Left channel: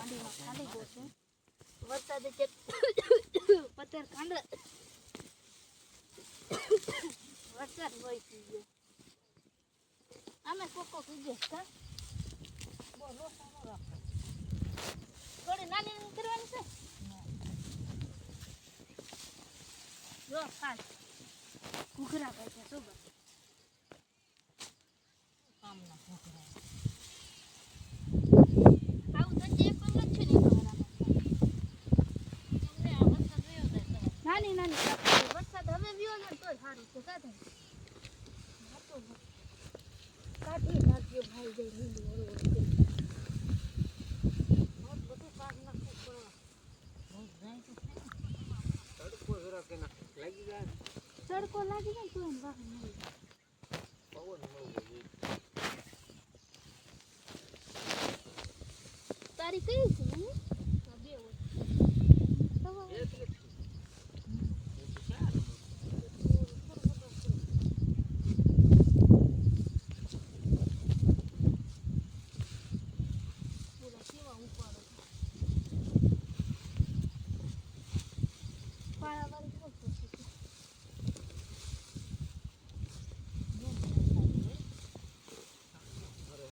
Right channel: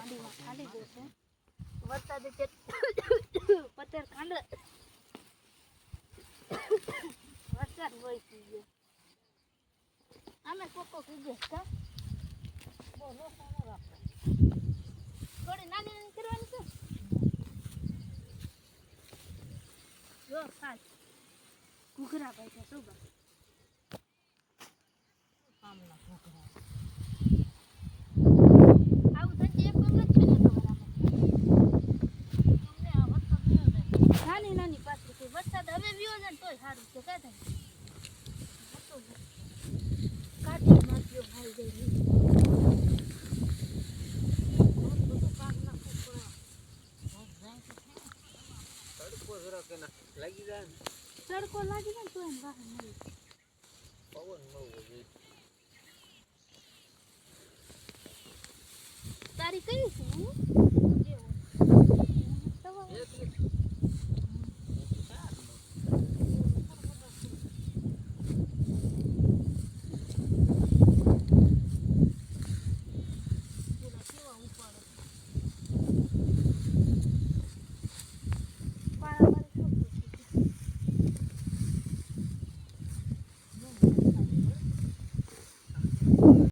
મંડીમાં ખાલી ગયો છે વરસાદ છે પતર કાંડ વરસાદ હોય છે આમે કોકો કીધે કા બોલો સાનો રાખો થોડી નાની નાની કરવાની છે જો ખાસ ઘૂઘરા ભાઈ છે સુબા સામના ઘૂઘરા આવું ધંજે એક પંગત છે ને તમારામાં તમને આ વરસાદ વ્યો જાય નાની નાની કાપી વરસાદ હવે વ્યો જાય તોય સારું છે કા થાય હતો કાઢી ભાગ્યો ભાઈ જાય બધું પાક નાખવું પડે રોજ જાય તો તડકો જરા કે ના લાગી જાય તડકો લાગી જાય તો એને વાહન નહીં પવન ન હોય તારી કઈ છે ને બે હોય એક